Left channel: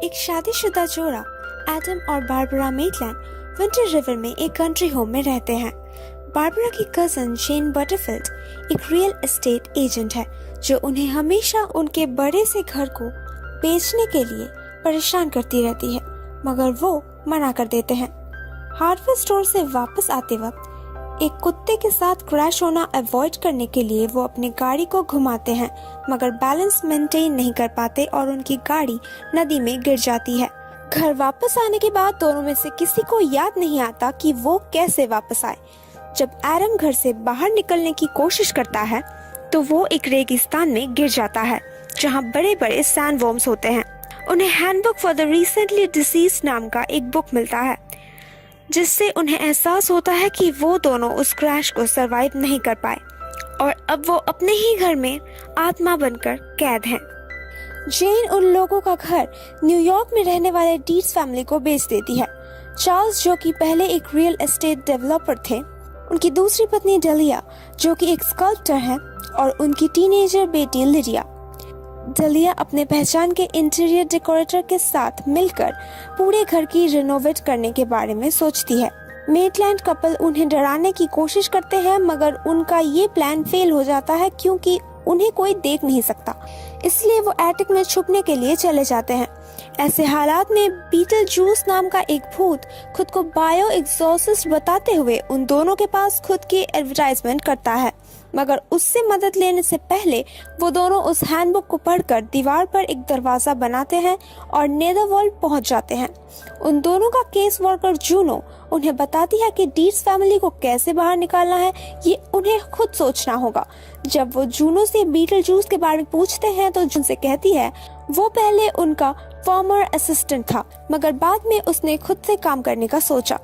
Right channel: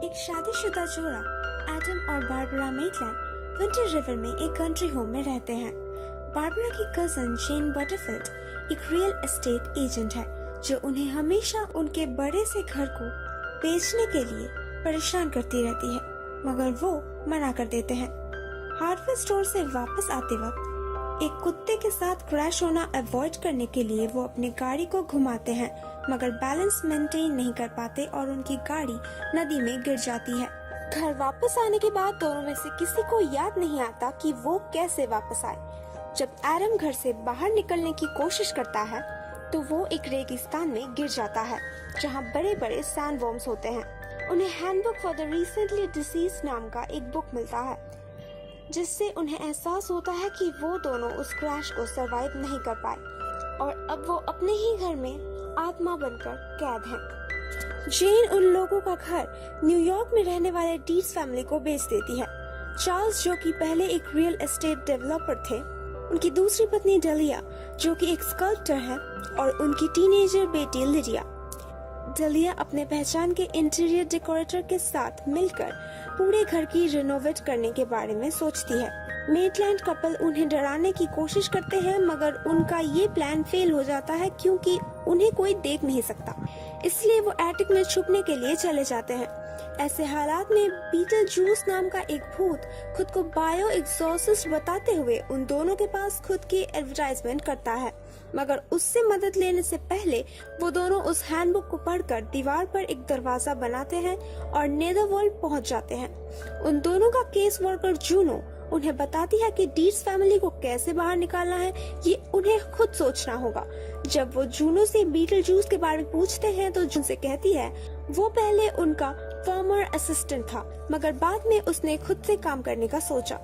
एक शादीशुदा जोड़ा एडम और बारबरा मेटलैंड विंटर रिवर में एक कंट्री होम में रहते हैं। बारबरा की कजन जेन बटरफील्ड एक रियल एस्टेट एजेंट है जो उन्हें हमेशा उनके बड़े से घर को बेचने के लिए परेशान करती रहती है, मगर वो मना कर देते हैं। हार्डवेयर स्टोर से वापस आते वक्त एक कुत्ते के साथ क्रैश होना अवॉइड करने के लिए वो अपनी गाड़ी को घुमाते हैं, मगर बैलेंस मेंटेन नहीं कर पाते और उनकी गाड़ी नदी में गिर जाती है। घर वापस आने के बाद दोनों में से किसी को याद नहीं आता कि वो कैसे वापस आए। जब एडम घर से बाहर निकलने की कोशिश करता है तो वो एक रेगिस्तान में गिर जाता है जहाँ बड़े बड़े सैंडवर्म्स होते हैं। उन्हें handbook for the recently deceased नाम का एक बुक मिलता है, जिससे उन्हें एहसास होता है कि वो दोनों उस क्रैश को सरवाइव नहीं कर पाए और अब वो अपने ही घर में आत्मा बनकर कैद हैं। जेन उन लोगों का घर न्यूयॉर्क में रहने वाले डीट्स फैमिली को बेच देती है। चार्ल्स, जो कि पहले एक रियल एस्टेट डेवलपर थे, उनकी दूसरी पत्नी डलिया, जो कि एक स्कल्प्टर है, और उनकी टीनेजर बेटी लिडिया। डलिया अपने पहचान के इंटीरियर डेकोरेटर के साथ मिलकर पूरे घर की रिनोवेट करने के बारे में सोचती है। मेटलैंड कपल उन्हें डराने की कोशिश करते हैं, मगर उनका ये प्लान फेल हो जाता है क्योंकि उन्हें कोई देख नहीं सकता, इसलिए वो एटिक में छुपने के लिए चले जाते हैं। ऐसे हालात में बीटल जूस नाम का एक भूत खुद को बायो एग्जॉसिस्ट बताते हुए उन दोनों के पास खुद की एडवर्टाइजमेंट करता है, मगर उससे मदद लेने से पहले वो दोनों उस हैंडबुक को पढ़कर दीवार पर एक दरवाजा बनाते हैं और नेदरवर्ल्ड पहुंच जाते हैं। उन दोनों का केस वर्कर जूनो उन्हें बताती है कि डीट्स फैमिली को कैसे बाहर निकालना है, ये उन्हें खुद सोचना होगा। जब वो जूनो से बीटल जूस के बारे में पूछते हैं तो जून से कहती है वो पहले उनका फॉर्मर असिस्टेंट था, मगर बाद में उसने खुद से काम करने का सोचा।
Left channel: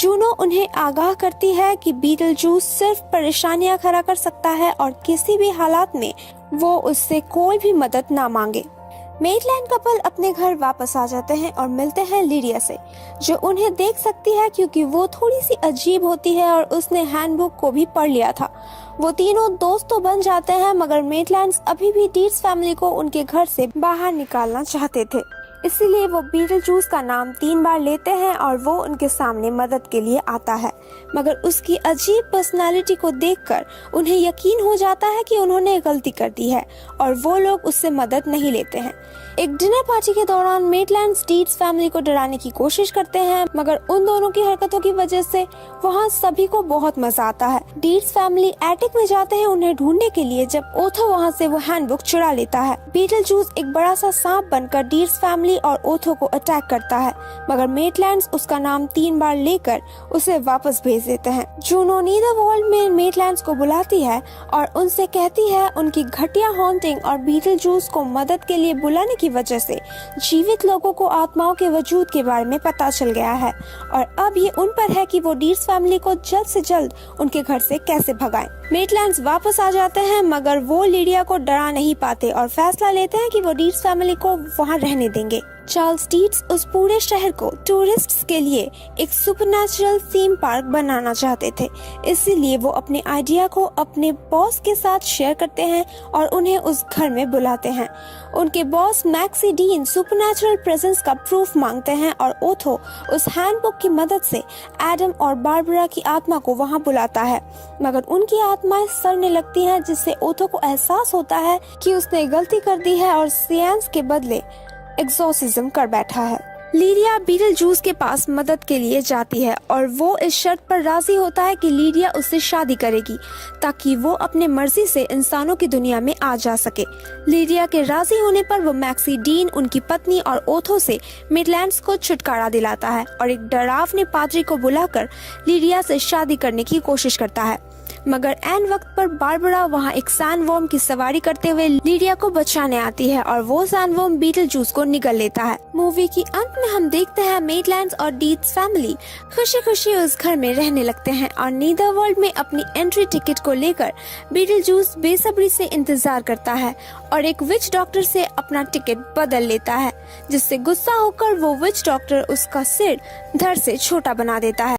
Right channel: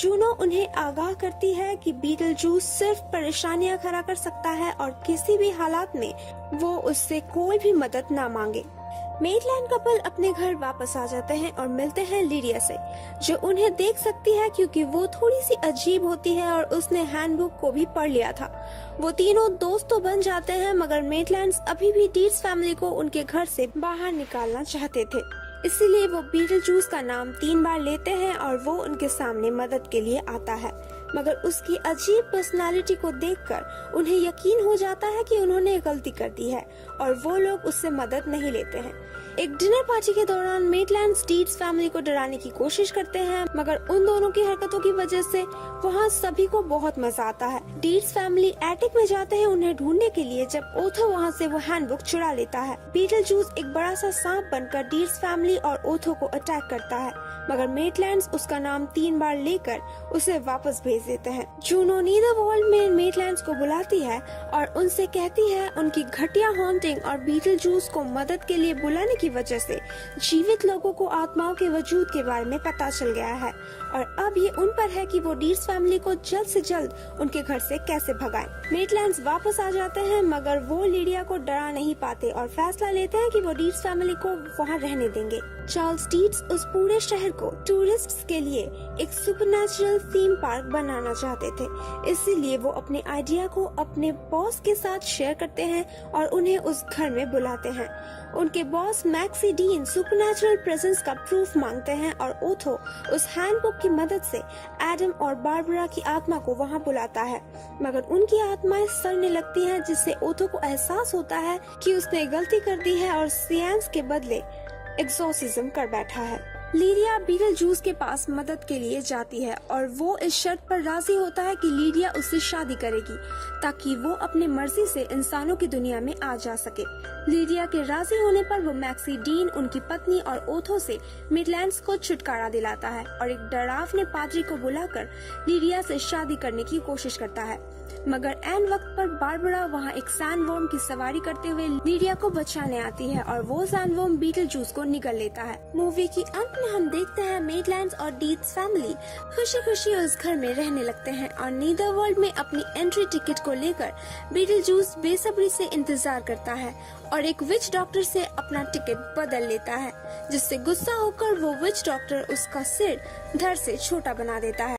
जूनो उन्हें आगाह करती है कि बीटल जूस सिर्फ परेशानियां खड़ा कर सकता है और किसी भी हालात में वो उससे कोई भी मदद ना मांगे। मेटलैंड कपल अपने घर वापस आ जाते हैं और मिलते हैं लिडिया से, जो उन्हें देख सकती है क्योंकि वो थोड़ी सी अजीब होती है और उसने हैंडबुक को भी पढ़ लिया था। वो तीनों दोस्त तो बन जाते हैं, मगर मेटलैंड्स अभी भी डीट्स फैमिली को उनके घर से बाहर निकालना चाहते थे, इसीलिए वो बीटल जूस का नाम 3 बार लेते हैं और वो उनके सामने मदद के लिए आता है, मगर उसकी अजीब पर्सनालिटी को देखकर उन्हें यकीन हो जाता है कि उन्होंने गलती कर दी है और वो लोग उससे मदद नहीं लेते हैं। एक डिनर पार्टी के दौरान मेटलैंड्स डीट्स फैमिली को डराने की कोशिश करते हैं, मगर उन दोनों की हरकतों की वजह से वहाँ सभी को बहुत मजा आता है। डीट्स फैमिली एटिक में जाते हैं उन्हें ढूंढने के लिए, जब ओथो वहाँ से वो हैंडबुक चुरा लेता है। बीटल जूस एक बड़ा सा सांप बनकर डीट्स फैमिली और ओथो को अटैक करता है, मगर मेटलैंड्स उसका नाम 3 बार लेकर उसे वापस भेज देते हैं। जूनो नीदरवर्ल्ड में मेटलैंड्स को बुलाती है और उनसे कहती है उनकी घटिया हॉन्टिंग और बीटल जूस को मदद के लिए बुलाने की वजह से जीवित लोगों को आत्माओं के वजूद के बारे में पता चल गया है और अब ये उन पर है कि वो डीट्स फैमिली को जल्द से जल्द उनके घर से कैसे भगाएं। मेटलैंड्स वापस आ जाते हैं, मगर वो लिडिया को डरा नहीं पाते और फैसला लेते हैं कि वो डीट्स फैमिली को वहाँ रहने देंगे। चार्ल्स डीट्स उस पूरे शहर को टूरिस्ट्स के लिए एक सुपरनैचुरल थीम पार्क बनाना चाहते थे, इसीलिए वो अपने आइडिया को अपने बॉस के साथ शेयर करते हैं और उन्हें उस घर में बुलाते हैं। उनके boss maxi dean supernatural presence का प्रूफ मांगते हैं और ओथो उस हैंडबुक की मदद से एडम और बारबरा की आत्मा को वहां बुलाता है, मगर उनकी आत्माएं सड़ने लगती हैं, जिससे ओथो को एहसास होता है कि उसने गलती कर दी है और सियांस के बदले एक्सोर्सिज्म कर बैठा है। लिडिया बीटल जूस के पास मदद के लिए जाती है और वो इस शर्त पर राजी होता है कि लिडिया उससे शादी करेगी ताकि वो अपने मर्जी से इंसानों की दुनिया में आ जा सके। लिडिया के राजी होने पर वो मैक्सी डीन, उनकी पत्नी और ओथो से मेटलैंड्स को छुटकारा दिलाता है और एक डरावने पादरी को बुलाकर लिडिया से शादी करने की कोशिश करता है, मगर एन वक्त पर बारबरा वहाँ एक सैंडवर्म की सवारी करते हुए लिडिया को बचाने आती है और वो सैंडवर्म बीटल जूस को निगल लेता है। मूवी की अंत में हम देखते हैं मेटलैंड्स और डीट्स फैमिली खुशी खुशी उस घर में रहने लगते हैं और नीदरवर्ल्ड में अपनी एंट्री टिकट को लेकर बीटल जूस बेसब्री से इंतजार करता है और एक विच डॉक्टर से अपना टिकट बदल लेता है, जिससे गुस्सा होकर वो विच डॉक्टर उसका सिर धड़ से छोटा बना देता है।